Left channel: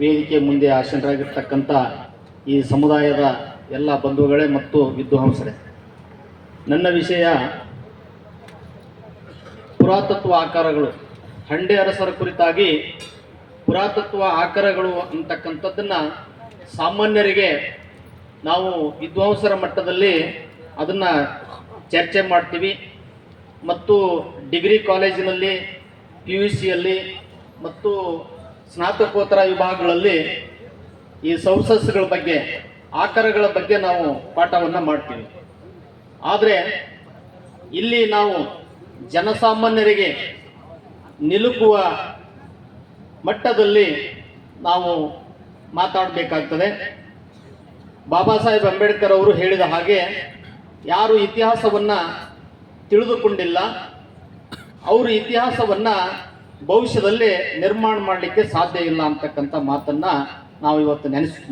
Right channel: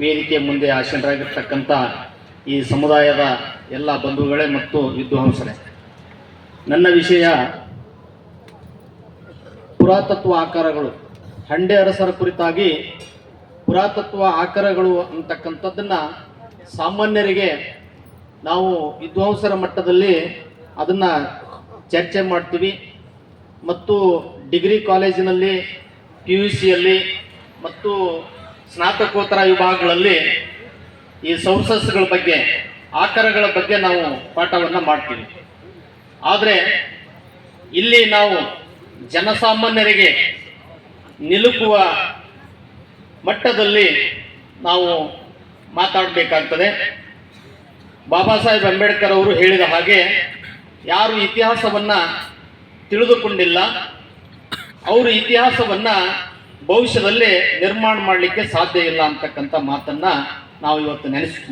ವೇದಿಕೆ ಮುಂದೆ ಆಸೀನರಾಗಿರ್ತಕ್ಕಂಥ ಈ ಸಮುದಾಯದ ಎಲ್ಲ ಬಂಧುಗಳೇ ಮತ್ತು ವಿದ್ವಾಂಸರೇ, ನನ್ನ ವಿಷಯ ಪುರಾತತ್ವ ಆಕಾರಗಳು. ಹಂಡೆ ಅರಸರ ಕುರಿತಾಗಿ ಪುರಾತತ್ವ ಆಕಾರಗಳು ಅಂತಕ್ಕಂಥದ್ದನ್ನು ಸಾಮಾನ್ಯರಿಗೆ ನಾವು ವಿದ್ವಾಂಸರ ಮಟ್ಟದಲ್ಲಿ ಅದನ್ನು ಚರ್ಚೆ ಮಾಡ್ತೀವಿ ಮತ್ತು ಡಿಗ್ರಿ ಕಾಲೇಜಿನಲ್ಲಿ PUCಯಲ್ಲಿ ಮತ್ತು ಸ್ನಾತಕೋತ್ತರ ವಿಭಾಗಗಳಲ್ಲಿ ಈ ಸೌಸಸ್ಗಳ ಬಗ್ಗೆ ಆಕಾರಗಳ ಬಗ್ಗೆ ನಾವು ಪಾಠವನ್ನು ಮಾಡ್ತೀವಿ. ಆದರೆ ಇಲ್ಲಿ ನಾವು ಜನಸಾಮಾನ್ಯರಿಗೆ ನಿಲುಕುವ ಮಟ್ಟದಲ್ಲಿ ನಾವು ಮಾತಾಡಬೇಕಾಗ್ತದೆ. ಬಾಬಾ ಸಾಹೇಬ್ ಅಂಬೇಡ್ಕರ್ ಅವರು ಹೇಳಿದ ಹಾಗೆ, ಯಾರು ಇತಿಹಾಸವನ್ನು ತಿಳಿದುಕೊಂಡಿಲ್ಲ ಅವರು ಇತಿಹಾಸವನ್ನು ಭವಿಷ್ಯದಲ್ಲಿ ನಿರ್ಮಾಣ ಮಾಡಲಿಕ್ಕೆ ಸಾಧ್ಯ ಇಲ್ಲ ಅಂತಕ್ಕಂಥ ಮಾತನ್ನು ನಾವು ಇವತ್ತು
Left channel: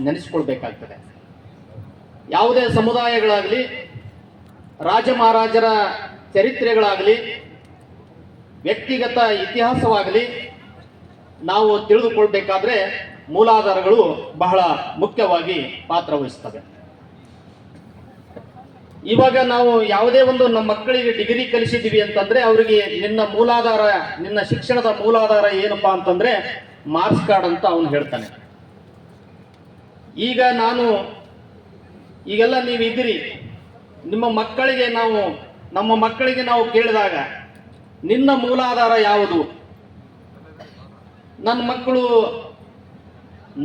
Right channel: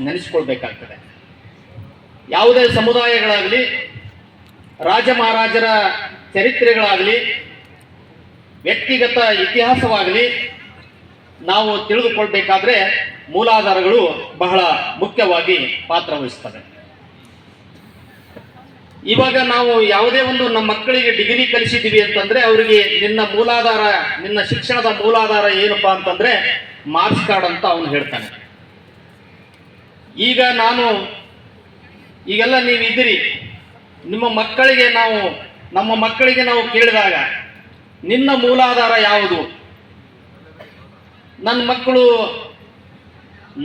ನೆನೆಸ್ಕೊಳ್ಬೇಕಾಗ್ತದೆ. ಯಾವುದೇ ಸಮುದಾಯಗಳಾಗಲಿ, ರಾಜ ಮಹಾರಾಜರ ಚರಿತ್ರೆಗಳಾಗಲಿ, ವ್ಯಕ್ತಿಗತ ಇತಿಹಾಸವಾಗಲಿ ನಾವು ತಿಳಿದುಕೊಳ್ಬೇಕಾದ್ರೆ ಮೂಲಾಧಾರಗಳು ಬಹಳ ಮುಖ್ಯವಾಗಿ ಪಾತ್ರ ವಹಿಸ್ತವೆ. ಇವಾಗ ನಾವು ಯಾವುದೇ ಒಂದು ನಮ್ಮ ಮಕ್ಕಳಿಗೆ ಡಿಗ್ರಿ ಕಲಿಸಿದ್ದೀವಿ ಅಂತಂದ್ರೆ ಅವರಿಗೆ ನಿನ್ನ ಶಿಕ್ಷಣದ ಮೂಲಾಧಾರ ಏನಪ್ಪಾ ಅಂತಂದ್ರೆ ಮಾರ್ಕ್ಸ್ ಕಾರ್ಡ್ ಅಂತ ಅವನು ಹೇಳ್ತಾನೆ. ಈಗೆಲ್ಲ ನೀವಿದ್ದೀರಿ, ನಮ್ಮ ಮಕ್ಕಳಿಗೆ ನಾವು ಕೇಳಿದಾಗ ನಿನ್ನ ಮೂಲಾಧಾರ ಯಾವುದು? ನನ್ನ ಮಕ್ಕಳು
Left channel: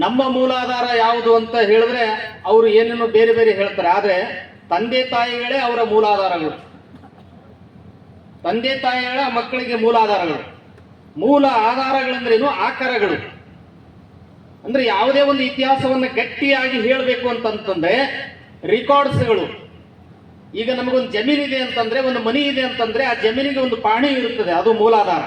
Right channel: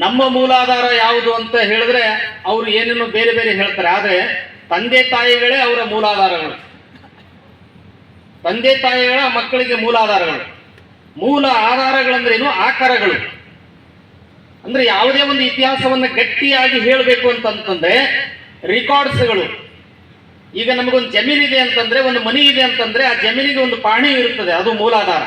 ನಮ್ಮ ಮೂಲಾಧಾರ ಯಾವುದು ಅಂತ ಹೇಳಿದ್ರೆ ಅವರು ಏನೇನೋ ಬೇರೆ ಬೇರೆ ಹೇಳ್ತಾರೆ. ಆದರೆ ತಂದೆ ತಾಯಿಗಳೇ ಅವರ ಮೂಲಾಧಾರಗಳು. ತಂದೆ ತಾಯಿಗಳ ಮಕ್ಕಳಿಗೆ ಮೂಲಾಧಾರಗಳು. ಮೂಲ ಆಧಾರಗಳಂದ್ರೇನು? ಆಕಾರಗಳು. ಅಂದ್ರೆ ಯಾವುದೇ ಒಂದು ಇತಿಹಾಸವನ್ನು ಗಟ್ಟಿಯಾಗಿ ಹೇಳಬೇಕು ಅಂತಂತಂದ್ರೆ ರೆಕಾರ್ಡ್ಸ್ಗಳು. ಈಗ ನಮಗೊಂದು ಜಮೀನಿದೆ ಅಂತಂದ್ರೆ, ಒಂದು ಮನೆ ಇದೆ ಅಂತಂದ್ರೆ ಆ ಜಮೀನಿಗೆ ಒಂದು ಪಾಣಿ ಇರುತ್ತದೆ, ಅದು ಮೂಲಾಧಾರ.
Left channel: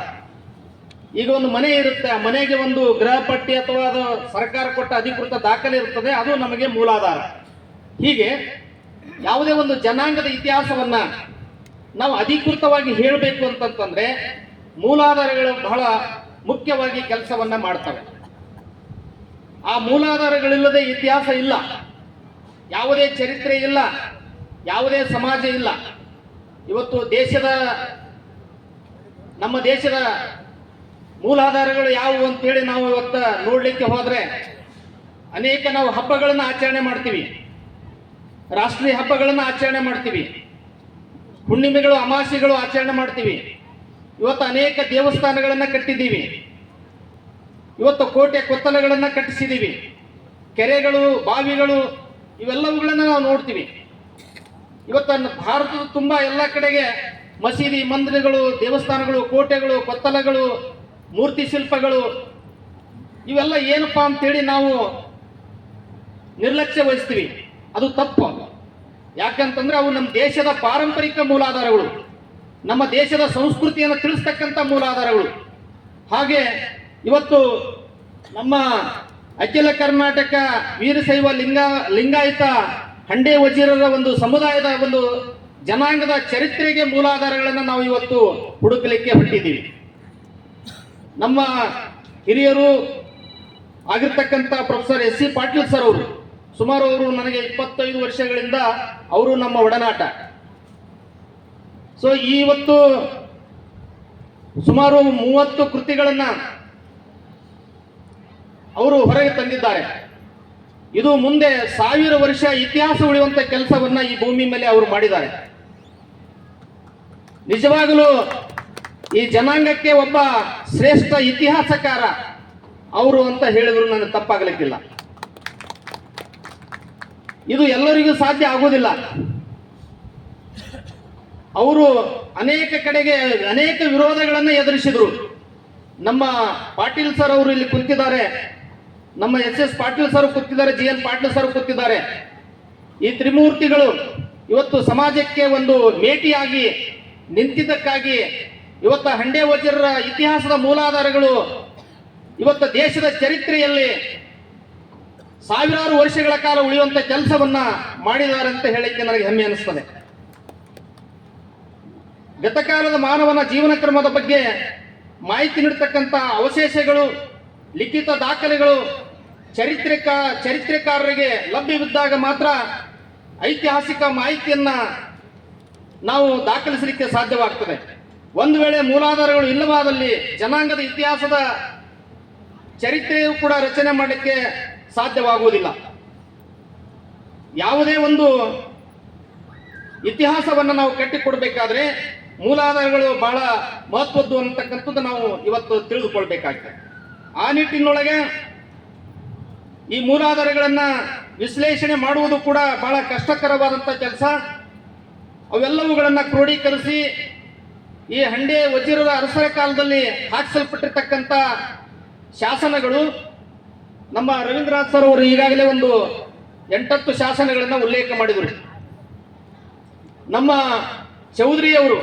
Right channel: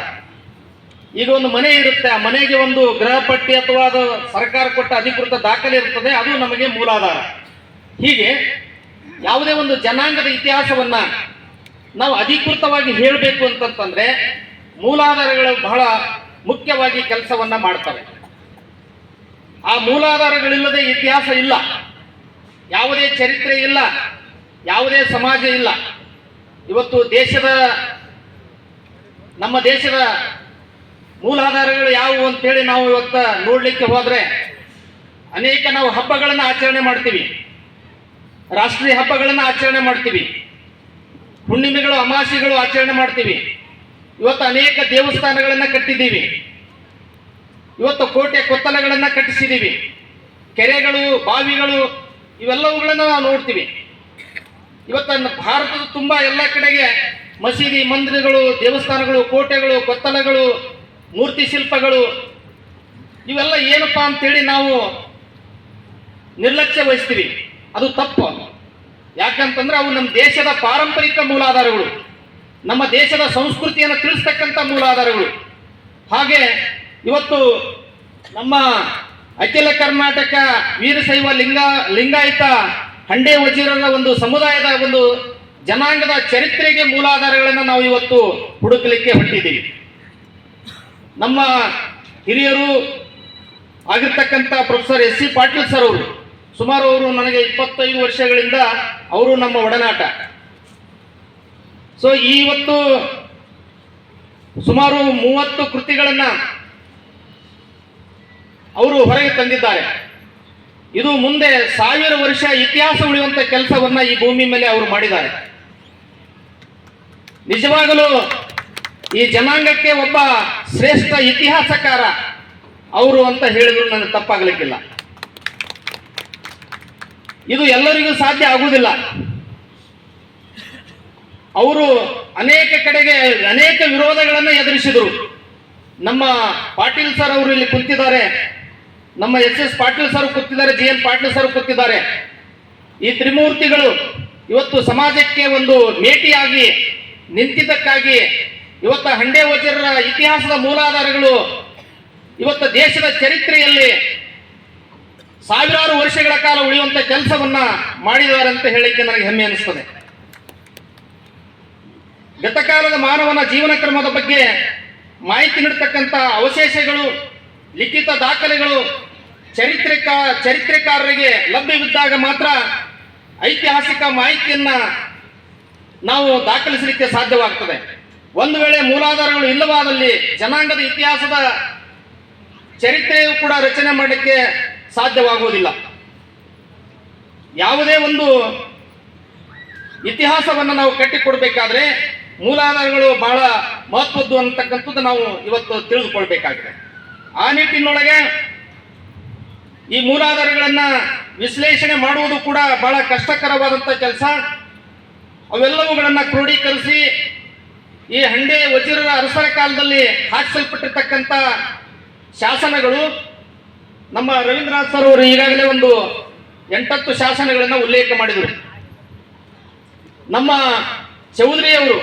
ಈಗ ಒಂದು ಮನೆ ಇರುತ್ತೆ, ಆ ಮನೆಗೆ ಒಂದು ಗೃಹ ಪಟ್ಟಿ ಅಥವಾ ಅದು ಸರ್ಕಾರ ಕೊಟ್ಟ ಅಧಿಕೃತ ದಾಖಲೆ ಇರ್ತದೆ, ಅದು ನಮಗೆ ಮೂಲಾಧಾರ. ಹೀಗೆ ಯಾವುದೇ ಒಂದು ಜನಾಂಗದ ಇತಿಹಾಸವನ್ನ ನಾವು ಅಧಿಕೃತವಾಗಿ ಹೇಳಬೇಕು ಅಂತಂತಂದ್ರೆ ಮೂಲಾಧಾರಗಳು ಬಹಳ ಮುಖ್ಯವಾಗಿ ಕೆಲಸವನ್ನ ಮಾಡ್ತವೆ. ಆ ಮೂಲಾಧಾರಗಳಿಲ್ಲದೆ ಇತಿಹಾಸ ಇಲ್ಲ, ಯಾವುದೇ ಚರಿತ್ರೆ ಇಲ್ಲ, ಯಾವುದೇ ಸಮಾಜ ಇಲ್ಲ. ಇವತ್ತು ನಮ್ಮ ದೇಶದ ಮೂಲಾಧಾರಗಳು ಯಾವುವು ಅಂತೇಳಿ ನಾವು ಇವತ್ತು ನೋಡ್ಲಿಕ್ಕೆ ಹೋದ್ರೆ ಅನೇಕ ನಾವು ಹಬ್ಬಗಳನ್ನು ಆಚರಣೆ ಮಾಡ್ತೀವಿ, ರಾಷ್ಟ್ರೀಯ ಹಬ್ಬಗಳನ್ನು ಆಚರಣೆ ಮಾಡ್ತೀವಿ, ಹುಣ್ಣಿಮೆಗಳು ಅಮಾವಾಸ್ಯೆಗಳು ಆಚರಣೆ ಮಾಡ್ತೀವಿ. ಇವತ್ತು ಅನೇಕ ದೇವಸ್ಥಾನಗಳನ್ನು ಕಟ್ಟಿದ್ದೀವಿ, ಇವತ್ತು ಕೋಟೆ ಕೊತ್ತಲಗಳನ್ನು ಕಟ್ಟಿಸಿದ್ದೀವಿ, ಕೆರೆಗಳು, ಬಾವಿಗಳು ಇವೆಲ್ಲವುಗಳನ್ನು ನಾವು ನೋಡ್ತೀವಿ. ಇವತ್ತು ಭಾರತದ ತುಂಬಾ ಎಲ್ಲ ಕಡೆಗೆ ಮಸೀದಿ, ಮಂದಿರಗಳು, ದೇವಸ್ಥಾನಗಳು, ಕೋಟೆಗಳು, ಕೊತ್ತಲಗಳು, ಮೂರ್ತಿ ಶಿಲ್ಪಗಳು ಇವೆಲ್ಲ ಏನಪ್ಪಾ ಅಂತೇಳಿ ನಾವು ನಿರ್ಲಕ್ಷ್ಯ ವಹಿಸ್ತೀವಿ. ಅದು ತಪ್ಪು. ಯಾಕಂತಂದ್ರೆ ಅವು ನಮ್ಮ ದೇಶದ ಪಾರಂಪರಿಕ ಮೂಲಾಧಾರಗಳು, ನಮ್ಮ ದೇಶದ ಸಂಸ್ಕೃತಿಯನ್ನು ತಿಳಿಸ್ತಕ್ಕಂಥ ಮೂಲಾಧಾರಗಳು. ಹಾಗೆ ಇವತ್ತು ನಮ್ಮ ಅಖಿಲ ಕರ್ನಾಟಕ ವೀರಶೈವ ಲಿಂಗಾಯತ ಹಂಡೆ ವಜೀರರ ಒಂದು ಸಮುದಾಯದ ಒಂದು ಜನಾಂಗದ ಚರಿತ್ರೆಗೆ ಮೂಲಾಧಾರಗಳನ್ನು ನಾವು ಇವತ್ತು ಹುಡುಕಲಿಕ್ಕೆ ಹೊರಟಿದ್ದೀವಿ. ನಮ್ಮ ಹಿರಿಯರು ಆಗಿರ್ತಕ್ಕಂಥ ಪ್ರೊಫೆಸರ್ SC ಪಾಟೀಲ್ ಸರ್ ಅವರು, ಸುಮಾರು ಅವರು ನನಗೆ 25 ವರ್ಷಗಳಿಂದ ಅವರು ನಮ್ಮ ಒಡನಾಟ. ಸೊ ಇವತ್ತು ಸುಮಾರು 30 ಕೃತಿಗಳನ್ನ ಅವರು ಹೊರಗೆ ತಂದಿದ್ದಾರೆ. ಇದು ಮುಂದೆ 1000 ವರ್ಷ ಇತಿಹಾಸ ಉಳಿಯುವಂತ ಕೆಲಸವನ್ನ ಈ ಭೂಮಿ ಮೇಲೆ ಅವರು ಮಾಡಿದ್ದಾರೆ. ನಿಜವಾಗಲೂ ಈ ಜನಾಂಗಕ್ಕೆ ಒಬ್ಬ ಶ್ರೇಷ್ಠ ಇತಿಹಾಸಕಾರ ಅವರು ಅಂತ ಹೇಳಿದ್ರು ನನಗೆ ತಪ್ಪಾಗಲಿಕ್ಕಿಲ್ಲ. ಇದು ಎಲ್ಲರಿಗೂ ಸಾಧ್ಯ ಆಗುವುದಿಲ್ಲ. ಅವರು ಅನೇಕ ಕಡೆಗೆ ಅನೇಕ ವಿರೋಧಗಳನ್ನು ಎದುರಿಸಿದರು. ನಮ್ಮ ಪಾಟೀಲ್ ಸರ್ ಅವರು ಇಲ್ಲಿ ಕುಂತಿದ್ದಾರೆ, ನಮ್ಮ SS ಪಾಟೀಲ್ ಸರ್ ಕೂತಿದ್ದಾರೆ, JN ಪಾಟೀಲ್ ಸರ್ ಕೂತಿದ್ದಾರೆ. ಈ ತ್ರಿಮೂರ್ತಿಗಳು ಇವತ್ತು ಸಮಾಜಕ್ಕೆ ಒಂದು ಮೇಟಿಯಾಗಿ ನಿಂತಿದ್ದಕ್ಕಾಗಿ ಇವತ್ತು ಹಂಡೆ ವಜೀರರ ಇತಿಹಾಸದ ಮೂಲಾಧಾರಗಳು ಇವತ್ತು ದೇಶದ ಚರಿತ್ರೆಯಲ್ಲಿ ಸಾವಿರಾರು ವರ್ಷಗಳ ಕಾಲ ಉಳಿಯುವಂತ ಕೆಲಸವನ್ನ ಮಾಡಿದ್ದಾರೆ ಅಂತ ಹೇಳಿಕ್ಕೆ ನನಗೆ ಹೆಮ್ಮೆ ಅನಿಸ್ತದೆ. ಗತಕಾಲದ ಮಾನವನ ಜೀವನ ಕ್ರಮದ ಬಗ್ಗೆ ಮಾಹಿತಿ ನೀಡತಕ್ಕಂಥ ಅವಶೇಷಗಳು, ಲಿಖಿತ ದಾಖಲೆಗಳು ಚರಿತ್ರೆಕಾರರಿಗೆ ಲಭ್ಯವಿದ್ದಾಗ ಮಾತ್ರ ಐತಿಹಾಸಿಕ ಮಾಹಿತಿಯನ್ನ ನಾವು ದಾಖಲಿಸಲಿಕ್ಕೆ ಸಾಧ್ಯವಾಗ್ತದೆ. ಒಂದು ವೇಳೆ ಮೂಲಾಧಾರಗಳು ಇಲ್ಲವಾದಲ್ಲಿ ಜನಾಂಗದ ಇತಿಹಾಸದ ಚರಿತ್ರೆಯೂ ಕೂಡ ರಚನೆ ಮಾಡಲಿಕ್ಕೆ ಸಾಧ್ಯವಾಗುವುದಿಲ್ಲ. ಯಾವುದೇ ಒಂದು ಇತಿಹಾಸವನ್ನು ನಾವು ಕಟ್ಟಿಕೊಡ್ಬೇಕಾದ್ರೆ ಮೂಲಾಧಾರಗಳು ಬಹಳ ಮಹತ್ವದ್ದು ಅಂತಕ್ಕಂಥದ್ದು ನಾವು ಇವತ್ತು ತಿಳಿದುಕೊಳ್ಬೇಕಾಗ್ತದೆ. ಆ ನಿಟ್ಟಿನೊಳಗೆ ಈ ಮೂಲಾಧಾರಗಳನ್ನು ವಿಶ್ಲೇಷಣೆ ಮಾಡುವುದು ಕೂಡ ಬಹಳ ಕಷ್ಟಕರವಾದಂಥ ಕೆಲಸ. ಅವೆಲ್ಲವುಗಳನ್ನು ಕ್ರೋಢೀಕರಿಸಿ ಈ ಹಂಡೆ ವಜ್ರರ ಅರಸರ ಕಾಲದಲ್ಲಿ ಹಾಕಿಸಲ್ಪಟ್ಟಿರ್ತಕ್ಕಂಥ ಶಾಸನಗಳು, ನಮ್ಮ ರವೀಂದ್ರನಾಥ್ ಸರ್ ಅವರು ಈಗಾಗಲೇ ಒಂದು 8 ಶಾಸನಗಳನ್ನು ಉಲ್ಲೇಖ ಮಾಡಿದರು. ನಮ್ಮ ಚೌಧರಿಯವರು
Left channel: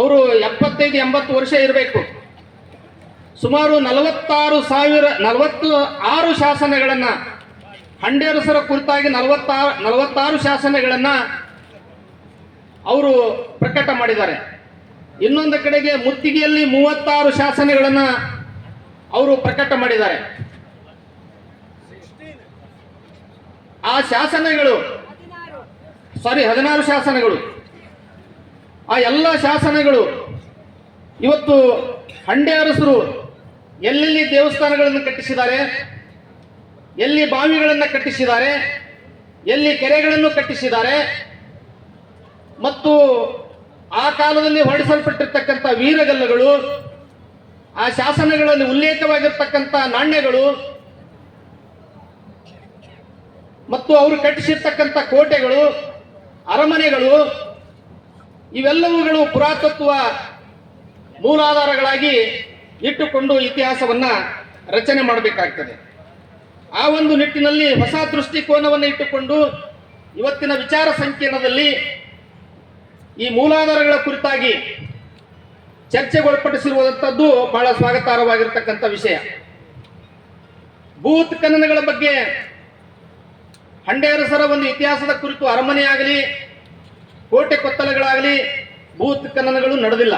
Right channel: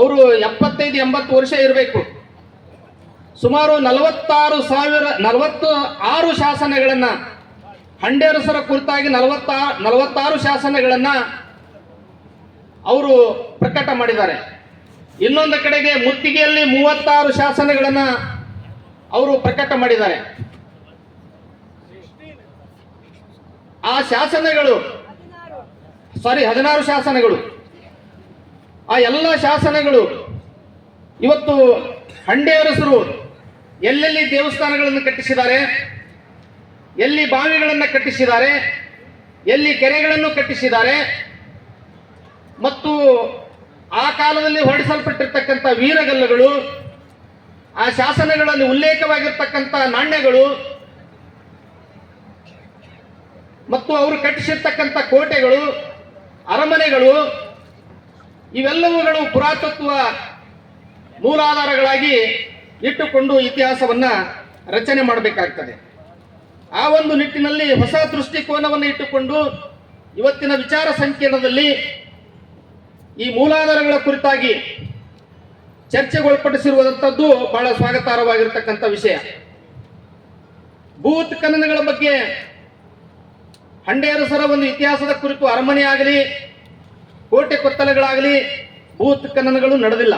75-80 ವರ್ಷ ಇರಬೇಕು. ಸುಮಾರು 46 ಶಾಸನಗಳನ್ನು, ಹಂಡೆರಸರ ಕುರಿತಾಗಿ 46 ಶಾಸನಗಳನ್ನು ಅವರು ಪ್ರಕಟ ಮಾಡಿದ್ದಾರೆ. ಇನ್ನೊಂದು ಕಡೆಗೆ ಮುತ್ತಿಗೆಯಲ್ಲಿ 36 ಶಾಸನಗಳನ್ನು ಅವರು ಪ್ರಕಟ ಮಾಡಿದ್ದಾರೆ. ಆ ಶಾಸನಗಳು 16 ಶಾಸನಗಳು, ಆ ಎಲ್ಲ ಶಾಸನಗಳು ಇವತ್ತು ಹಂಡೆ ಅರಸರು ಎಲ್ಲೆಲ್ಲಿ ದೇವಸ್ಥಾನಗಳನ್ನು ಕಟ್ಟಿಸಿದ್ದಾರೆ, ಎಲ್ಲಿ ಬಾವಿಗಳನ್ನು ಕಟ್ಟಿಸಿದ್ದಾರೆ, ಎಲ್ಲಿ ಕೆರೆಗಳನ್ನು ಕಟ್ಟಿಸಿದ್ದಾರೆ, ಮತ್ತು ಆ ಕಾಲದಲ್ಲಿ ಹೊರಡಿಸಲ್ಪಟ್ಟಿರ್ತಕ್ಕಂಥ ವೀರಗಲ್ಲುಗಳು, ಆ ಶಾಸನಗಳಲ್ಲಿ ಉಲ್ಲೇಖವಾಗಿರ್ತಕ್ಕಂಥ ನಾಣ್ಯಗಳು, ಮತ್ತು ಅವರು ಕಟ್ಟಿಸಿರ್ತಕ್ಕಂಥ ಕೋಟೆಗಳು, ಅರಮನೆಗಳು, ಇವೆಲ್ಲವುಗಳು ಪುರಾತತ್ವ ಮೂಲಾಧಾರಗಳಾಗಿ ಇಟ್ಟುಕೊಂಡು ಇತಿಹಾಸವನ್ನು ರಚನೆ ಮಾಡಬೇಕಾಗ್ತದೆ. ಆ ಒಂದು ನಿಟ್ಟಿನಲ್ಲಿ ಹೊಸ ದೃಷ್ಟಿಕೋನವನ್ನು ಇಟ್ಟುಕೊಂಡು ಇವತ್ತಿನ ವಿಚಾರ ಸಂಕಿರಣದಲ್ಲಿ ಈ ಮೂಲಾಧಾರಗಳ ಕುರಿತಾಗಿ ಚರ್ಚೆಗೊಳಪಡಿಸಿರುವಂಥದ್ದು ಬಹಳ ಸ್ವಾಗತಾರ್ಹವಾಗಿರ್ತಕ್ಕಂಥ ವಿಷಯ. ಭೂತ್ ಖನನಗಳ ಬಗ್ಗೆ ಹಂಡೆ ಅರಸರ ಒಂದು ಇತಿಹಾಸದ ಕುರಿತು ಅರಮನೆ ಆಗಲಿ, ಕೋಟೆ ಕೊತ್ತಲಗಳಾಗಲಿ ಭೂತ್ ಖನನಗಳು ನಡೆದಿಲ್ಲ.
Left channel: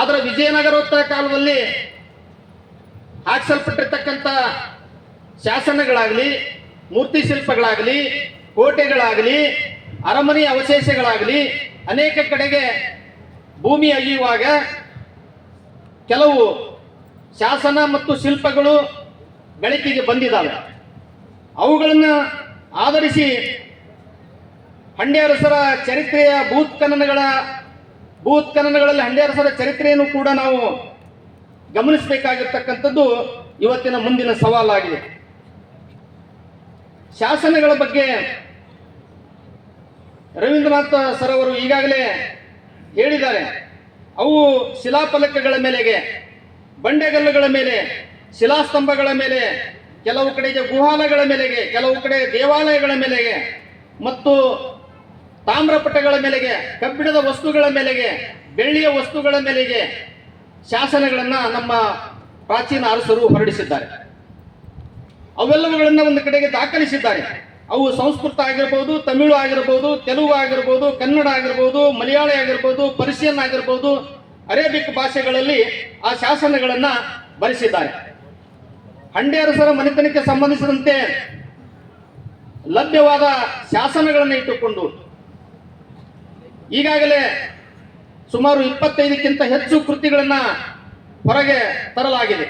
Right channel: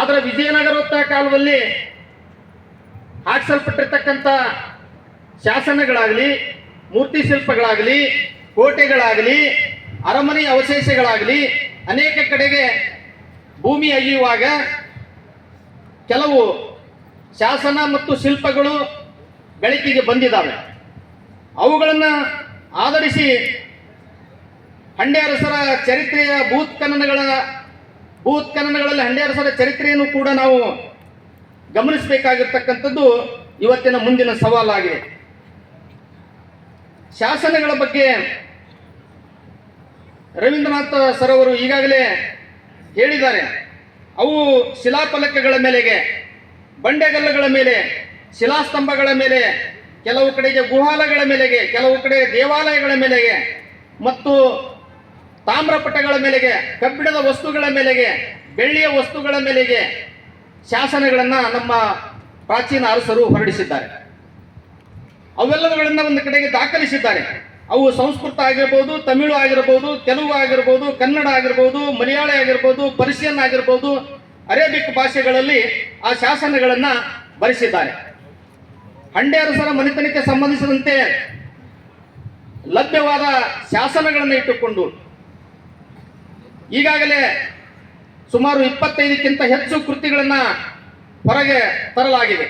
ಆದರೆ ವಿಜಯನಗರೋತ್ತರ ಕಾಲದಲ್ಲಿ ಹಾಕಿಸಲ್ಪಟ್ಟಿರ್ತಕ್ಕಂಥ ಶಾಸನಗಳಾಗಲಿ, ಮೂರ್ತಿ ಶಿಲ್ಪಗಳಾಗಲಿ, ಕೋಟೆಗಳಾಗಲಿ, ಅರಮನೆಯ ಅವಶೇಷಗಳಾಗಲಿ ಅನೇಕ ಕಡೆಗೆ ಭೂಮಿ ಅಗೆಯುವಾಗ ಕೆಲವು ಶಾಸನ ಮತ್ತು ಶಿಲ್ಪಗಳು ಬೆಳಕಿಗೆ ಬಂದಿದ್ದಾವೆ. ಅವುಗಳನ್ನು ಆಧರಿಸಿ ಹಂಡೆ ಅರಸರ ಚರಿತ್ರೆಯ ಭೂತ್ ಖನನಗಳಲ್ಲಿ ಹಂಡೆ ಅರಸರ ಚರಿತ್ರೆಯನ್ನು ಕೂಡ ನಾವು ಗಮನಿಸಬೇಕಾಗಿರ್ತಕ್ಕಂಥದ್ದು ಇವತ್ತಿನ ಮುಂದಿನ ಸವಾಲಾಗಿದೆ. ಶಾಸನಗಳ ಬಗ್ಗೆ ರವೀಂದ್ರನಾಥ್ ಸರ್ ಅವರು ಈಗಾಗಲೇ ಹೇಳಿದ್ದಾರೆ. ಅವು ಶಿಲಾಫಲಕಗಳ ಮೇಲೆಗೆ, ಬಂಡೆಗಲ್ಲುಗಳ ಮೇಲೆ, ಶಿಲಾಸ್ತಂಭಗಳ ಮೇಲೆ, ಕೆಲವು ಕಡೆಗೆ ಗುಹಾಲಗಳ ಮೇಲೆಗೆ, ಕೆಲವು ಕಡೆ ದೇವಾಲಯಗಳ ಮೇಲೆಗೆ, ಮತ್ತು ತಾಮ್ರಪಟಗಳ ಮೇಲೆಗೆ, ಕಬ್ಬಿಣದ ವಸ್ತುಗಳ ಮೇಲೆಗೆ, ಬೆಳ್ಳಿಯ ವಸ್ತುಗಳ ಮೇಲೆಗೆ ಶಾಸನಗಳನ್ನು ನಮ್ಮ ಪ್ರಾಚೀನ ಅರಸರು ಹೊರಡಿಸಿದ್ದಾರೆ. ಅವೆಲ್ಲವುಗಳನ್ನು ಒಂದು ಕಡೆಗೆ ದಾಖಲಿಸಿದ್ದಾರೆ. ಅವು ಸಂಸ್ಕೃತ ಆಗಿರ್ಬೋದು, ತಮಿಳು ಆಗಿರ್ಬೋದು, ತೆಲುಗು ಆಗಿರ್ಬೋದು, ಕನ್ನಡ ಆಗಿರ್ಬೋದು, ಮಲಯಾಳಿ ಆಗಿರ್ಬೋದು, ಪರ್ಷಿಯನ್ ಆಗಿರ್ಬೋದು, ಅರೇಬಿಕ್ ಭಾಷೆಗಳಲ್ಲಿ ಆ ಶಾಸನಗಳನ್ನು ಬರೆಸಿದ್ದಾರೆ. ಹಂಡೆ ಅರಸರ ಮನೆತನಕ್ಕೆ ಸಂಬಂಧಿಸಿದಂತೆ ಲಭ್ಯವಾದ ಶಾಸನಗಳನ್ನು ಇಟ್ಟುಕೊಂಡು ಈಗಾಗಲೇ ಸುಮಾರು 25ಕ್ಕಿಂತ ಹೆಚ್ಚು ಕೃತಿಗಳನ್ನು ಹೊರಗೆ ತರಲಾಗಿದೆ.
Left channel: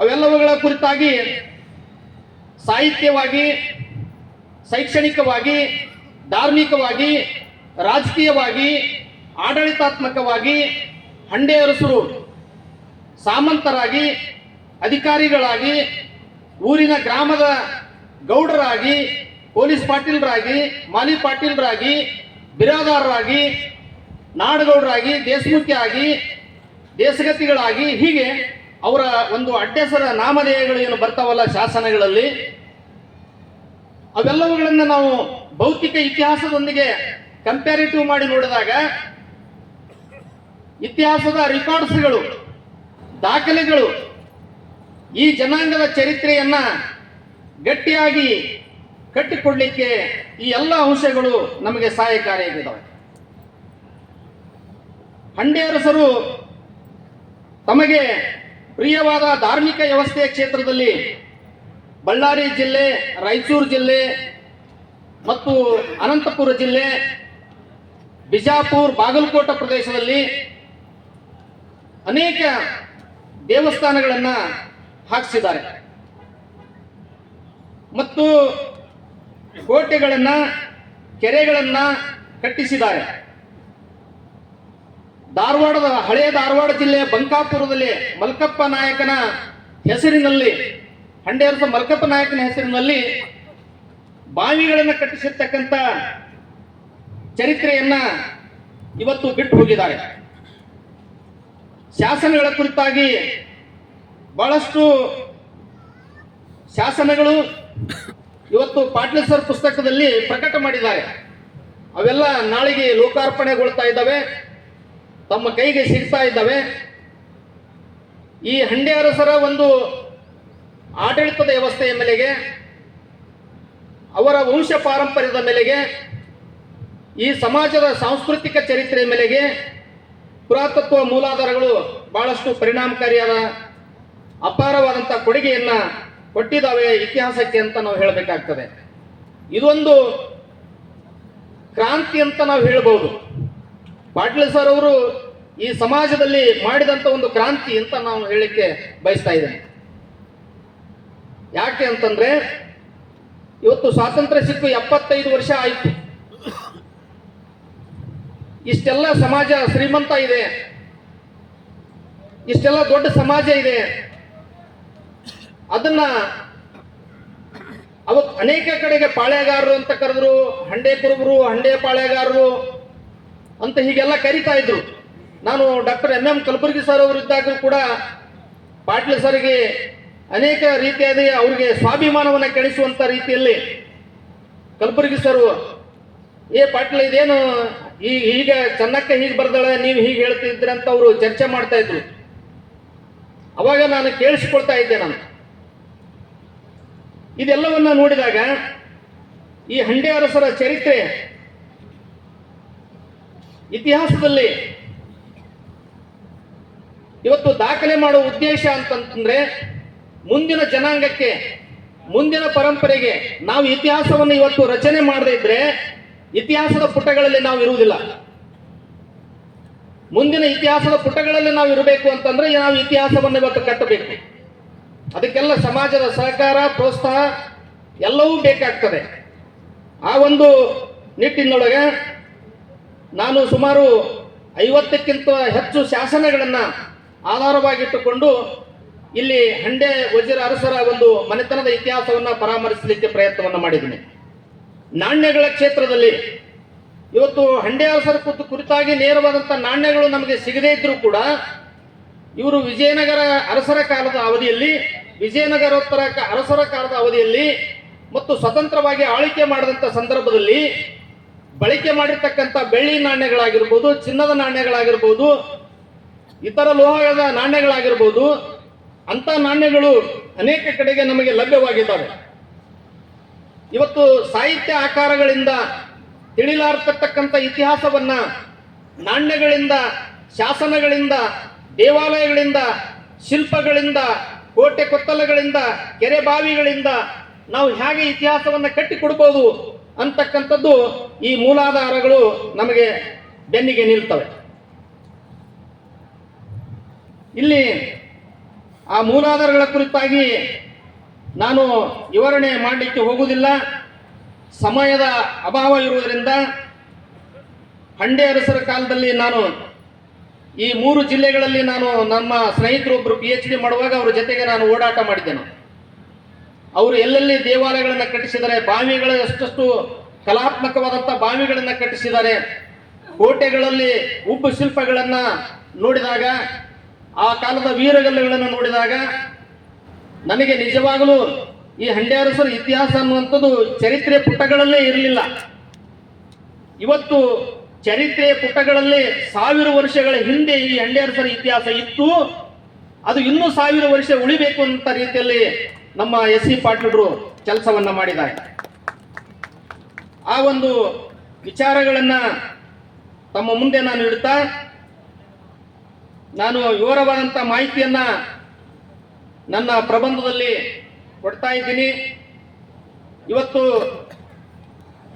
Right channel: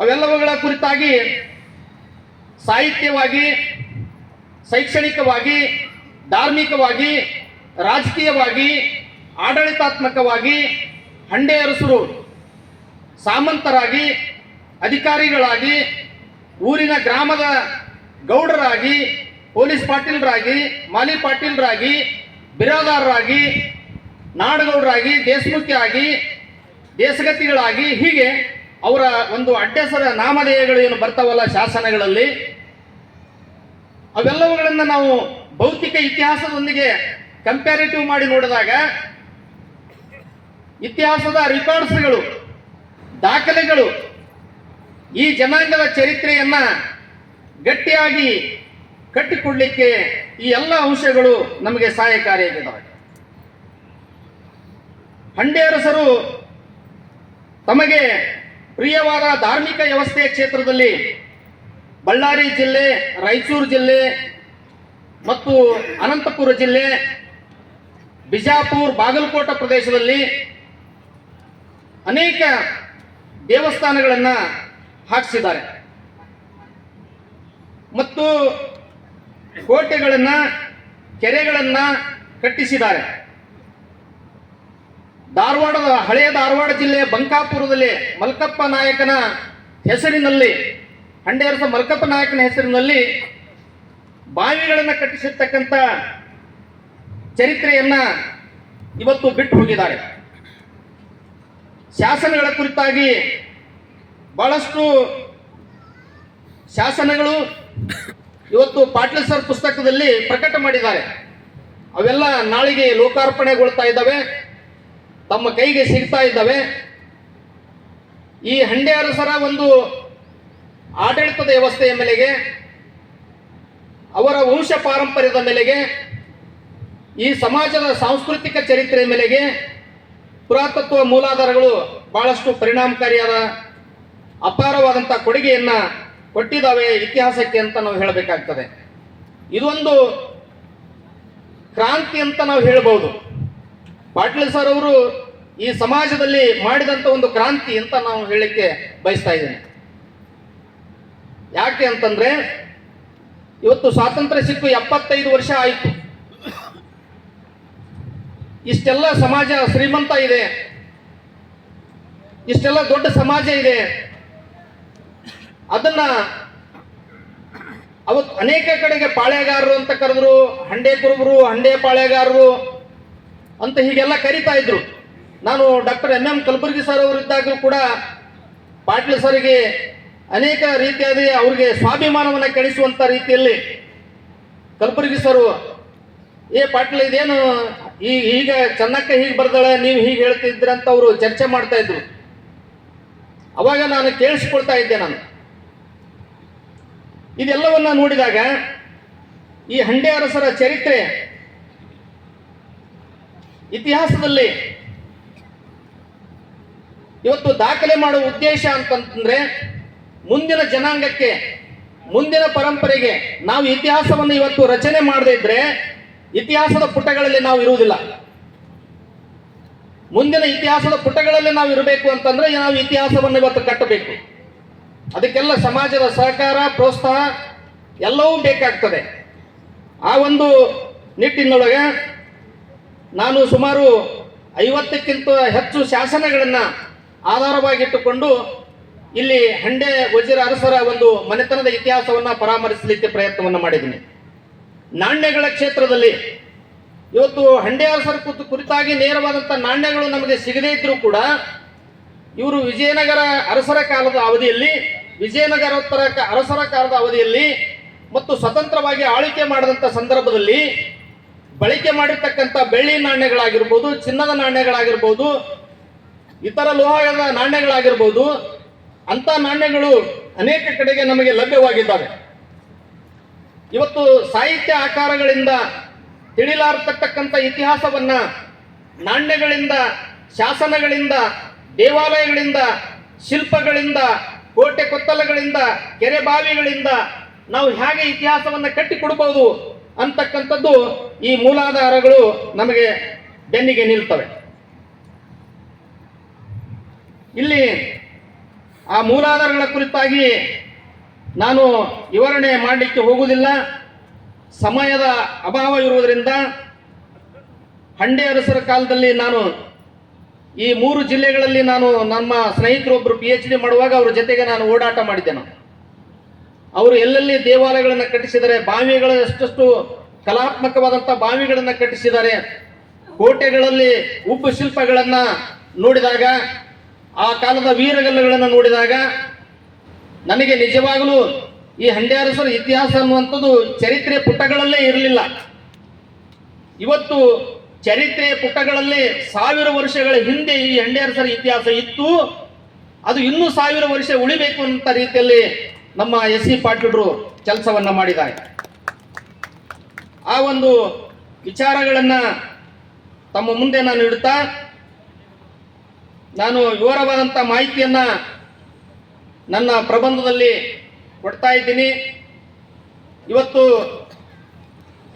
ಅವೆಲ್ಲವುಗಳ ಕುರಿತಾಗಿ ಸಾಹಿತ್ಯವಾಗಿ, ಶೈಕ್ಷಣಿಕವಾಗಿ, ಧಾರ್ಮಿಕವಾಗಿ, ರಾಜಕೀಯವಾಗಿ, ಆಡಳಿತಾತ್ಮಕವಾಗಿ ಹಂಡೆ ಅರಸರು ಸಾಮಂತರಾಗಿ, ಅಧಿಕಾರಿಗಳಾಗಿ, ಊರಿನ ಗ್ರಾಮದ ಗೌಡರಾಗಿ, ಪೊಲೀಸ್ ಪಾಟೀಲರಾಗಿ, ಮಾಲಿ ಪಾಟೀಲರಾಗಿ, ಬಿರಾದಾರರಾಗಿ, ನಾಡಗೌಡರಾಗಿ, ದೇಶಮುಖಿಯಾಗಿ, ದೇಶಗತಿಗಳಾಗಿ, ಹೀಗೆ ಅವರ ಒಂದು ಅಡ್ಡೆಸರ ನಾಮಧೇಯಗಳು ಏನು ಬರ್ತಾವಲ್ಲ ಶಾಸನಗಳಲ್ಲಿ, ಅವೆಲ್ಲವುಗಳನ್ನು ನಾವು ಭೌತಿಕ ಇತಿಹಾಸದೊಂದಿಗೆ ಕಂಪ್ಯಾರಿಟಿವ್ ಮಾಡಿ ನೋಡಿದಾಗ ಇತಿಹಾಸದ ರೆಕಾರ್ಡ್ಸ್ಗಳು, ದಾಖಲೆಗಳು ಈ ಜನಾಂಗದ ಚರಿತ್ರೆಯನ್ನ ಗಟ್ಟಿಯಾಗಿ ಕಟ್ಟಿಕೊಡ್ಲಿಕ್ಕೆ ಈ ಎಲ್ಲ ಅಂಶಗಳು ನಮಗೆ ಸಹಾಯಕಾರಿಯಾಗಿದ್ದಾವೆ. ಹಂಡೆ ಅರಸರು ತಮಗೆ ಪ್ರಿಯವಾದ ಧಾರ್ಮಿಕ ವ್ಯವಸ್ಥೆಯ ಕ್ಷೇತ್ರದಲ್ಲಿ ಬಳ್ಳಾರಿ ಜಿಲ್ಲೆ, ರಾಯಚೂರು ಜಿಲ್ಲೆ ಮತ್ತು ಅನಂತಪುರ ಜಿಲ್ಲೆ, ಬಿಜಾಪುರ, ಬಾಗಲಕೋಟೆ ಪ್ರದೇಶದಲ್ಲಿ ಅನೇಕ ದೇವಸ್ಥಾನಗಳನ್ನು ಹಾಕಿಸಿದ್ದಾರೆ ಮತ್ತು ಕೋಟೆಗಳನ್ನು, ಕೆರೆಗಳನ್ನು ಕಟ್ಟಿಸಿದ್ದಾರೆ. ಹಳೆಯ ಧಾರವಾಡ ಜಿಲ್ಲೆಯ ಬಂಕಾಪುರದಲ್ಲಿ ಮಲ್ಕಪ್ಪ ನಾಯಕನ ಹೆಸರಿನಲ್ಲಿ, ಹಂಡೇರಸ ಮಲ್ಕಪ್ಪ ನಾಯಕನ ಹೆಸರಿನಲ್ಲಿ ಬಾವಿಗಳನ್ನು ಕಟ್ಟಿಸಿರ್ತಕ್ಕಂಥ ಚರಿತ್ರೆಯನ್ನ ಇವತ್ತು ಬಿಟ್ಟು ಹೋಗಿದ್ದಾರೆ. ಶಾಸನಗಳ ಕುರಿತಾಗಿ ಬಹಳಷ್ಟು ಶಾಸನಗಳು ಇವತ್ತು ಪಾಟೀಲ್ ಸರ್ ಪುಸ್ತಕದಲ್ಲಿ ಪ್ರಕಟ ಮಾಡಿದ್ದಾರೆ. ಅವೆಲ್ಲ ನಾಳೆಗೆ ಲೋಕಾರ್ಪಣೆಗೊಳ್ತಾ ಇದ್ದಾವೆ, ತಮ್ಮ ಕೈಗೆ ಸಿಗ್ತಾ ಇದ್ದಾವೆ. ಈ ಹಂಡೆ ಅರಸರ ಒಂದು ಆಡಳಿತದ ವ್ಯವಸ್ಥೆಯ ಮೇಲೆಗೆ, ಅವರ ವಂಶ ಪಾರಂಪರ್ಯದ ಮೇಲೆಗೆ, ಈ ಸಮಾಜದ ಸಾಂಸ್ಕೃತಿಕ ಚರಿತ್ರೆಯ ಮೇಲೆಗೆ ಪುರಾತತ್ವ ಮೂಲಾಧಾರಗಳು ಬಹಳಷ್ಟು ಪರಿಣಾಮಕಾರಿಯಾದ ಅಪಾರವಾದಂಥ ಕೊಡುಗೆಯನ್ನು ಕೊಟ್ಟಿದ್ದಾವೆ ಇತಿಹಾಸಕ್ಕೆ ಅಂತ ನಾವು ಹೇಳಬೇಕಾಗ್ತದೆ. ಇದೊಂದು ಕ್ರಾಂತಿ ಅಂತ ನಾವು ಹೇಳ್ಬೋದು. ಪಾಟೀಲ್ ಸರ್ ಅವರು ಈ ಸಮಾಜದಲ್ಲಿ ಮಾಡಿದಂಥ ಒಂದು ಕ್ರಾಂತಿ ಅಂತ ನಾವು ಹೇಳಲಿಕ್ಕೆ ಬಯಸ್ತಾ ಇದ್ದೇನೆ. ಯಾಕೆ ಅಂತಂದ್ರೆ ಇವತ್ತು ಸ್ವಾತಂತ್ರ್ಯ ಸಿಕ್ಕು 75 ವರ್ಷ ಆಯಿತು. ಇಷ್ಟೆಲ್ಲ ಸಮಾಜ ಶ್ರೀಮಂತ ಇದೆ, ಇಷ್ಟೆಲ್ಲ ದೊಡ್ಡ ಸಮಾಜ ಇದೆ. ಅದನ್ನ ಅವತ್ತು ಅನೇಕ ಕಡೆಗೆ ಪಾಳೆಗಾರರು ಅಂತ ಕರೆದ್ರು, ಹಂಡೆ ಕುರುಬರು, ಹಂಡೆ ಪಾಳೆಗಾರರು ಅಂತ ಹೀಗೆಲ್ಲ ಕರೀತಾ ಇದ್ರು. ನಾನು ಡಾಕ್ಟರ್ MM ಕಲಬುರ್ಗಿ ಸರ್ ಅವರಿದ್ದಾಗಲೂ ಕೂಡ ಪಾಟೀಲ್ ಸರ್ಗೆ ಅನೇಕ ರೀತಿಯಾದ ಅವ್ರಿಗೆ ಸ್ವಾಭಿಮಾನವನ್ನು ಕೆಡಿಸುವಂತ ರೀತಿಯಲ್ಲಿ ಕಲಬುರ್ಗಿ ಸರ್, ಪಾಟೀಲ್ ಇದೇನು ಈಗ ಚೆನ್ನಕ್ಕೆ ಹೀಗೆ ಬರ್ದಾಳೆ, ನೀವು ಹೀಗೆ ಹೇಳ್ತಿದ್ರಿ ಅಂತ ಅವರು ಚರ್ಚೆ ಮಾಡ್ತಾ ಇದ್ರು. ಅವಾಗ ನಾನು ಕೇಳಿಸಿಕೊಳ್ತಾ ಇದ್ದೆ. ನಾನು ಇದೆಲ್ಲವನ್ನ ನೋಡಿದಾಗ ಈ ಹಂಡೆ ಅರಸರ ಚರಿತ್ರೆ ಇತಿಹಾಸದಲ್ಲಿ ಇವತ್ತು ದಾಖಲೆ ಮಾಡುವ ಉದ್ದೇಶ ಅಂತಂದ್ರೆ ಮುಂದಿನ ಜನಾಂಗಕ್ಕೆ, ಮುಂದಿನ ಪರಂಪರೆಗೆ ನಾವು ಇತಿಹಾಸವನ್ನು ಇವತ್ತು ರಚನೆ ಮಾಡದೇ ಇದ್ರೆ ಇತಿಹಾಸದ ಪುಟಗಳಲ್ಲಿ ನಾವು ಇರುವುದಿಲ್ಲ. ಮುಂದಿನ ಇತಿಹಾಸದ ಪುಟಗಳಲ್ಲಿ ನಾವು ಇರಬೇಕು ಅಂತಂದ್ರೆ ನಾವು ಇತಿಹಾಸವನ್ನು ಇವತ್ತು ಕಟ್ಟಬೇಕು. ಅದಕ್ಕೆಲ್ಲ ಸಮಾಜದ ಸಹಕಾರ, ಪ್ರೋತ್ಸಾಹ ಎಲ್ಲವೂ ಬೇಕಾಗ್ತದೆ. ಆ ಒಂದು ನಿಟ್ಟಿನೊಳಗೆ ನಾನು ಸುಮಾರು 50ಕ್ಕಿಂತ ಹೆಚ್ಚು ಶಾಸನಗಳನ್ನು ಆಧಾರವಾಗಿಟ್ಟುಕೊಂಡು ಇಲ್ಲಿ ಹಂಡೆ ವಜೀರ ಅರಸರ ಒಂದು ಮನೆತನದ ಇತಿಹಾಸವನ್ನು ಪರಾಮರ್ಶಿಸಲಿಕ್ಕೆ ಪ್ರಯತ್ನವನ್ನು ಮಾಡಿದ್ದೀನಿ. ನಾಣ್ಯಗಳ ಕ್ಷೇತ್ರದಲ್ಲಿ ಇವತ್ತು ಹಂಡೆ ಅರಸರ ಕುರಿತಾಗಿ ನೇರವಾದಂಥ ನಾಣ್ಯಗಳು ನಮಗೆ ಸಿಗದೇ ಇದ್ರೂ ಕೂಡ ಇವರು ವಿಜಯನಗರ ಅರಸರ ಕಾಲದ ಅವಧಿಯಲ್ಲಿ, ವಿಜಯನಗರೋತ್ತರ ಅರಸರ ಕಾಲದ ಅವಧಿಯಲ್ಲಿ ಮತ್ತು ಸ್ವತಂತ್ರವಾಗಿ ಆಳ್ವಿಕೆ ಮಾಡಿದಂಥ ಸಂದರ್ಭದಲ್ಲಿ ಬಳಕೆ ಮಾಡಿರ್ತಕ್ಕಂಥ ಬೆಳ್ಳಿ ನಾಣ್ಯಗಳಾಗಿರ್ಬೋದು, ಚಿನ್ನದ ನಾಣ್ಯಗಳಾಗಿರ್ಬೋದು, ಇತರ ಲೋಹದ ನಾಣ್ಯಗಳಾಗಿರ್ಬೋದು, ಅಂಥ ನಾಣ್ಯಗಳು ಅನೇಕ ಕಡೆಗೆ ನಮಗೆ ಲಭ್ಯವಾಗಿದ್ದಾವೆ. ಇವತ್ತು ಸಾಹಿತ್ಯ ಆಕಾರಗಳಿಂದ ತಿಳಿಲಾರತಕ್ಕಂಥ ಇತಿಹಾಸವನ್ನ ನಾಣ್ಯಗಳಿಂದ, ಶಾಸನಗಳಿಂದ, ದೇವಾಲಯಗಳಿಂದ, ಶಿಲ್ಪಗಳಿಂದ, ಕೋಟೆ ಕೊತ್ತಲಗಳಿಂದ, ಕೆರೆ ಬಾವಿಗಳಿಂದ ನಾವು ಹೇಗೆ ಇತಿಹಾಸವನ್ನು ಕಟ್ಟಿಕೊಡ್ಬೋದು ಅಂತಕ್ಕಂಥದ್ದು ಈ ಮೂಲಾಧಾರಗಳು ನಮಗೆ ಬೆನ್ನಿಗೆ ನಿಲ್ತವೆ. ಇಲ್ಲಿ ಆ ಮೂಲಾಧಾರಗಳ ಕುರಿತಾಗಿ ನಾನು ವಿವರಣೆ ಮಾಡಲಿಕ್ಕೆ ಹೋಗುವುದಿಲ್ಲ, ಸಮಯದ ಅಭಾವ ಇರುವುದರಿಂದ. ಹಂಡೆ ಅರಸರ ಕಾಲದಲ್ಲಿ ನಾನು ಈ 3 ಜಿಲ್ಲೆಗಳಲ್ಲಿ ನಾನು ನಮ್ಮ ಸ್ನೇಹಿತರೊಬ್ಬರು PhD ಮಾಡುವಾಗ ಅವ್ರ ಜೊತೆಗೆ ನಾನು ಓಡಾಟ ಮಾಡಿದ್ದೇನೆ. ಅವರು ಎಲ್ಲೆಲ್ಲಿ ದೇವಾಲಯಗಳನ್ನು ಕಟ್ಟಿಸಿದ್ದಾರೆ, ಬಾವಿಗಳು ಎಷ್ಟೆಷ್ಟು ಕಲಾತ್ಮಕವಾದಂಥ ಬಾವಿಗಳನ್ನು ಕಟ್ಟಿಸಿದ್ದಾರೆ, ಕೋಟೆಗಳಲ್ಲಿ ಉಬ್ಬು ಶಿಲ್ಪಗಳನ್ನು ನೋಡಿದಾಗ, ಆ ಕಾಲದ ವೀರಗಲ್ಲುಗಳನ್ನು ನೋಡಿದಾಗ ನನಗೆ ನಿಜವಾಗಲೂ ಈ ಹಂಡೆ ಅರಸರ ಇತಿಹಾಸ ಅನ್ನುವಂಥದ್ದು ಚರಿತ್ರೆ ಪುಟಗಳಲ್ಲೇ ಇರಲಿಲ್ಲ. ಇವತ್ತು ಚರಿತ್ರೆ ಪುಟಗಳಲ್ಲಿ 1000 ವರ್ಷಗಳ ಹಿಂದೆ ಈ ಹಂಡೆ ಅರಸರ ಇತಿಹಾಸ ಇತ್ತು, ಅದು ಇನ್ನೂ 1000 ವರ್ಷ ಉಳಿಬೇಕು ಅಂತ ರೀತಿಯಲ್ಲಿ ನಮ್ಮ SC ಪಾಟೀಲರು ಕೆಲಸವನ್ನ ಮಾಡಿದ್ದಾರೆ. ಆ ಒಂದು ವಿಚಾರಗಳನ್ನು ತಮ್ಮ ಮುಂದೆ ನಾನು ಇಡ್ತಾ, ನಾನು ವಿವರವಾದಂಥ ಮಾಹಿತಿಯನ್ನ ನನ್ನ ಪ್ರಬಂಧದಲ್ಲಿ ಕೊಡ್ತಾ ಇದ್ದೀನಿ. ಇವತ್ತು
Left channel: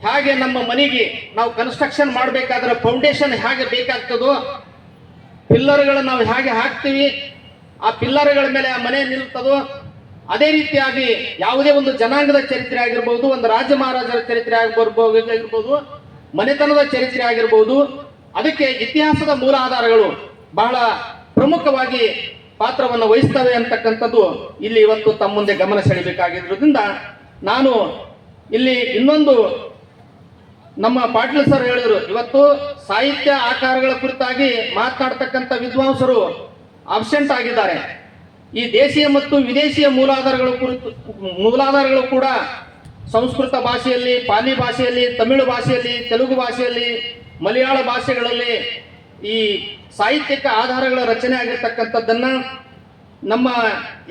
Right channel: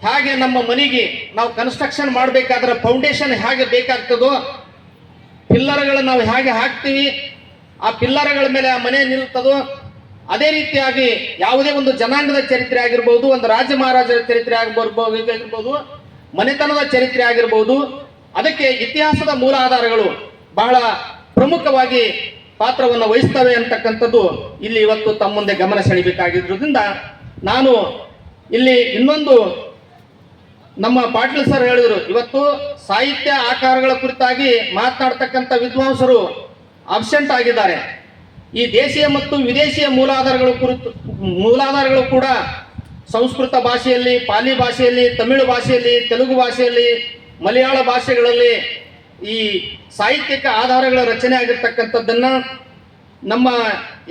ಹೇಗೆ ನಮ್ಮ ಮನೆಗೆ ನಾವು ಕನ್ಸ್ಟ್ರಕ್ಷನ್ ಮಾಡಬೇಕಾದ್ರೆ ಫೌಂಡೇಶನ್ ಹೇಗೆ ಬೇಕಾಗ್ತದೋ, ಪಿಲ್ಲರ್ಗಳು ನಾವು ಹೇಗೆ ಹಾಕ್ತೀವಿ, ಆ ಪಿಲ್ಲರ್ಗಳ ಮೇಲೆ ಆ ಮನೆ ನಿಲ್ತದೋ, ಅದೇ ರೀತಿಯಾಗಿ ಯಾವುದೇ ಒಂದು ಜನಾಂಗದ ಚರಿತ್ರೆ ಆಗಿರ್ಬೋದು, ಒಂದು ರಾಜ್ಯ ಮಹಾರಾಜರ ಚರಿತ್ರೆ ಆಗಿರ್ಬೋದು, ಮನೆತನದ ಚರಿತ್ರೆ ಆಗಿರ್ಬೋದು, ಅದಕ್ಕೆ ಇತಿಹಾಸದ ಮೂಲ ಆಧಾರಗಳು ಬಹಳ ಪ್ರಮುಖವಾಗಿ ಪಾತ್ರವನ್ನು ವಹಿಸ್ತವೆ ಅಂತಕ್ಕಂಥದ್ದು ಇಲ್ಲಿ ಇವತ್ತು ತಮ್ಮ ಮುಂದೆ ಗಮನ ಸೆಳೆಯಬೇಕಾಗಿರೋದ್ರಿಂದ ನಾನು ಇಲ್ಲಿ ಇನ್ನೊಂದು ನಮ್ಮ ಪಾಟೀಲ್ ಸರ್ ಹೇಳಿದ್ರು, ಇವತ್ತು ಸಾಹಿತ್ಯ ಆಕಾರಗಳ ಕುರಿತಾಗಿ ಮಾತನಾಡ್ತಕ್ಕಂಥ ವಿದ್ವಾಂಸರು ಅಬ್ಸೆಂಟ್ ಆಗಿದ್ದಾರೆ. ಈ ದೇಶೀಯ ಮತ್ತು ವಿದೇಶಿಯ ಮೂಲಾಧಾರಗಳು ಕೂಡ ಸಂಸ್ಕೃತ ಭಾಷೆಯಲ್ಲಿ, ಪಾಲಿ ಭಾಷೆಯಲ್ಲಿ, ತಮಿಳು ಭಾಷೆಯಲ್ಲಿ, ತೆಲುಗು ಭಾಷೆಯಲ್ಲಿ, ಮಲಯಾಳ ಭಾಷೆಗಳಲ್ಲಿ ಈ ಸಾಹಿತ್ಯಿಕ ಆಧಾರಗಳ ರಚನೆ ಆಗಿರ್ತಕ್ಕಂಥದ್ದನ್ನು ನಮ್ಮ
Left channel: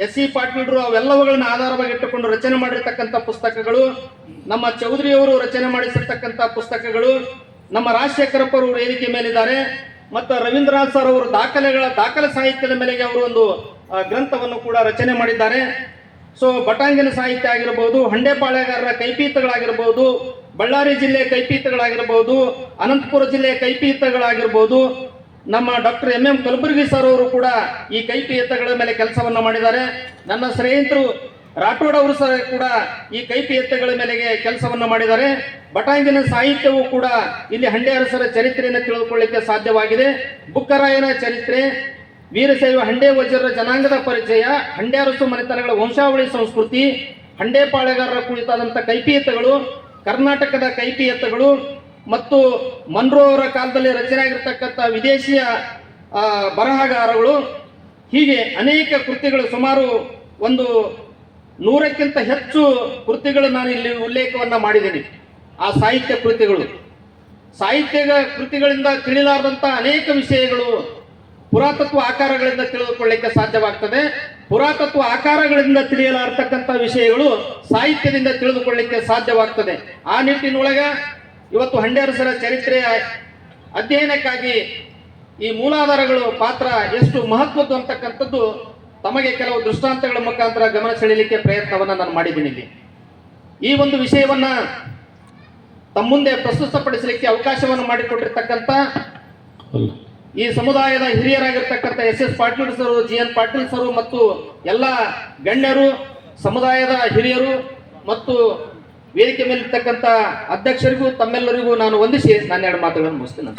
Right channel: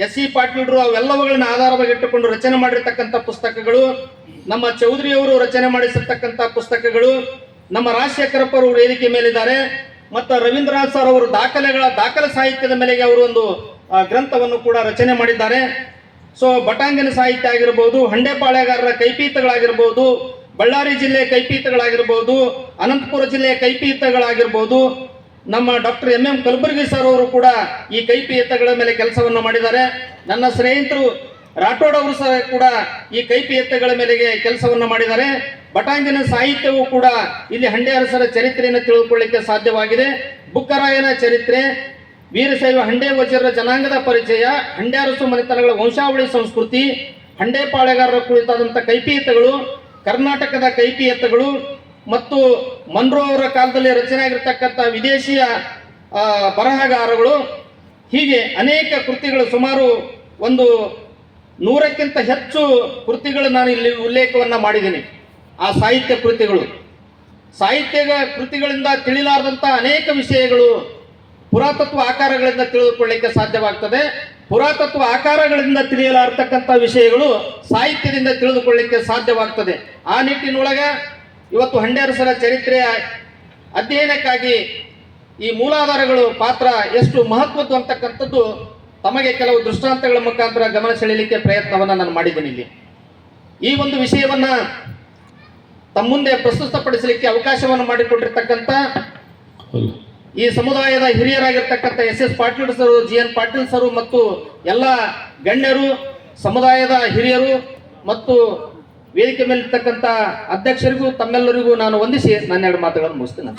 ಎಸ್ ಸಿ ಪಾಟೀಲ್ರು ಅವೆಲ್ಲವುಗಳನ್ನ ಆಧಾರವಾಗಿಟ್ಟುಕೊಂಡು ರಚನೆ ಮಾಡಿರ್ತಕ್ಕಂಥ ಪುಸ್ತಕಗಳು, ನಮ್ಮ ಚೌಧರಿಯವರು ರಚನೆ ಮಾಡಿಸಿರ್ತಕ್ಕಂಥ ಪುಸ್ತಕಗಳು, ನಮ್ಮ ರಾಜಶೇಖರಪ್ಪ ಅವರು ವೇದಿಕೆ ಮೇಲಿದ್ದಾರೆ, ಮತ್ತು ರವೀಂದ್ರನಾಥ್ ಸರ್ ಅವರು ದಾಖಲೆ ಸಾಹಿತ್ಯದ ಮೇಲೆಗೆ ಅವರು ಒಂದು ಗ್ರಂಥವನ್ನು ಕೂಡ ರಚನೆ ಮಾಡಿದ್ದಾರೆ. ಸೊ ಬಟಾಂಗಿನ ಸಾಹಿತ್ಯ ಆಗಿರ್ಬೋದು, ಹಂಡೆಪಾಳ್ಯಗಾರರ ಕೈಪೀತಗಳಾಗಿರ್ಬೋದು, ಬಳ್ಳಾರಿ ಜಿಲ್ಲೆ ಕೈಪೀತಗಳಾಗಿರ್ಬೋದು, ಅನಂತಪುರ ಜಿಲ್ಲೆಯ ಕೈಪೀತಗಳಾಗಿರ್ಬೋದು, ನಮ್ಮ ಡಾಕ್ಟರ್ ಎಂ ಕಲಬುರ್ಗಿ ಸರ್ ಅವರು ಕೂಡ ಈ ಕೈಪೀತಗಳ ಮೇಲೆ ಕೆಲಸವನ್ನು ಮಾಡಿದ್ದಾರೆ. ನನ್ನ ಸ್ನೇಹಿತರು ರಾಠೋಡ್ ಅವರು ಸಹ ಕೂಡ ಈ ಕೈಪೀತಗಳ ಮೇಲೆಗೆ ಕೆಲಸವನ್ನು ಮಾಡಿದ್ದಾರೆ. ಬಟಾಂಗಿನ ಸಾಹಿತ್ಯವೂ ಕೂಡ ಇಲ್ಲಿ ಹಂಡೆ ಅರಸರ ಚರಿತ್ರೆಯನ್ನು ತಿಳಿದುಕೊಳ್ಳಿಕ್ಕೆ ಸಾಧ್ಯವಾಗಿದೆ. ಬುಕ್ಕರಾಯನ ಚರಿತ್ರೆ, ವೀರಶೈವ ಹಂಡೆ ವಜ್ರರ ಜನಾಂಗದ ಪರಿಚಯ, ಹಂಡೆ ಅರಸು ಮನೆತನಗಳ ವಂಶಾವಳಿ ಸಂಸ್ಕೃತಿ, ಹಂಡೆ ಪಾಳೆಗಾರರ ಕುರಿತಾದಂಥ ಕೈಪೀಯತಗಳು, ಕರ್ನಾಟಕದ ಕೈಪೀಯತಗಳು, ಮತ್ತು ಮನ್ರೋ ಅವರ ಕಾಲದಲ್ಲಿ ರಚನೆ ಆಗಿರ್ತಕ್ಕಂಥ ವಿದೇಶಿಯ ಬರಹಗಾರಗಳು, ಹೀಗೆ ಅನೇಕ ಕೃತಿಗಳು, ಸುಮಾರು ಒಂದು 100ಕ್ಕಿಂತ ಹೆಚ್ಚು ಕೃತಿಗಳು ನಾನು ಇಲ್ಲಿ ಉಲ್ಲೇಖವನ್ನು ಮಾಡಿದ್ದೀನಿ. ಆ ಸಾಹಿತ್ಯ ಕೃತಿಗಳಿಂದ ತಿಳಿಲಾರದಂಥ ಅನೇಕ ವಿಷಯಗಳು ಪುರಾತತ್ವ ಆಕಾರಗಳಿಂದ ತಿಳಿದುಕೊಳ್ಳಿಕ್ಕೆ ಸಾಧ್ಯವಾಗ್ತದೆ. ಪುರಾತತ್ವ ಆಕಾರಗಳಿಂದ ತಿಳಿಯಲಾರತಕ್ಕಂಥ ವಿಷಯಗಳು ಸಾಹಿತ್ಯದಿಂದ ತಿಳಿದುಕೊಳ್ಳಿಕ್ಕೆ ಸಾಧ್ಯವಾಗ್ತದೆ. ಆ ನಿಟ್ಟಿನೊಳಗೆ ಇವತ್ತು ಹಂಡೆ ಅರಸರ ಚರಿತ್ರೆಯ ಅಧ್ಯಯನಕ್ಕಾಗಿ ಈ ಮೂಲಾಧಾರಗಳು ಪಾತ್ರ ಎಷ್ಟು ಮಹತ್ವದ್ದು ಅಂತಕ್ಕಂಥದ್ದು ತಮಗೆ ಕೆಲವು ದೃಷ್ಟಾಂತಗಳ ಮುಖಾಂತರ ಗಮನ ಸೆಳೆಯಲಿಕ್ಕೆ ಪ್ರಯತ್ನವನ್ನು ನಾನು ಮಾಡಿದ್ದೀನಿ. ಇಲ್ಲಿ ಈ ಒಂದು ವಿಷಯವನ್ನು ತಮ್ಮ ಮುಂದೆ ಪ್ರಸ್ತುತಪಡಿಸಲಿಕ್ಕೆ ಅವಕಾಶವನ್ನು ಮಾಡಿಕೊಟ್ಟಿರ್ತಕ್ಕಂಥ ಈ ಸಮುದಾಯದ ಹಿರಿಯರಾಗಿರ್ತಕ್ಕಂಥ ಎಸ್ ಪಾಟೀಲ್ ಸರು, GN ಪಾಟೀಲ್ ಸರು ಮತ್ತು ಎಲ್ಲ ಗಣ್ಯರು, ಸಮುದಾಯದ ಹಿರಿಯರು ಮತ್ತು ವೇದಿಕೆ ಮೇಲಿರ್ತಕ್ಕಂಥ ಅಧ್ಯಕ್ಷರಿಗೂ ತಮ್ಮೆಲ್ಲರಿಗೂ ನಾನು ವಂದಿಸಿ ನನ್ನ ಎರಡು ಮಾತುಗಳನ್ನು ಮುಗಿಸ್ತೇನೆ.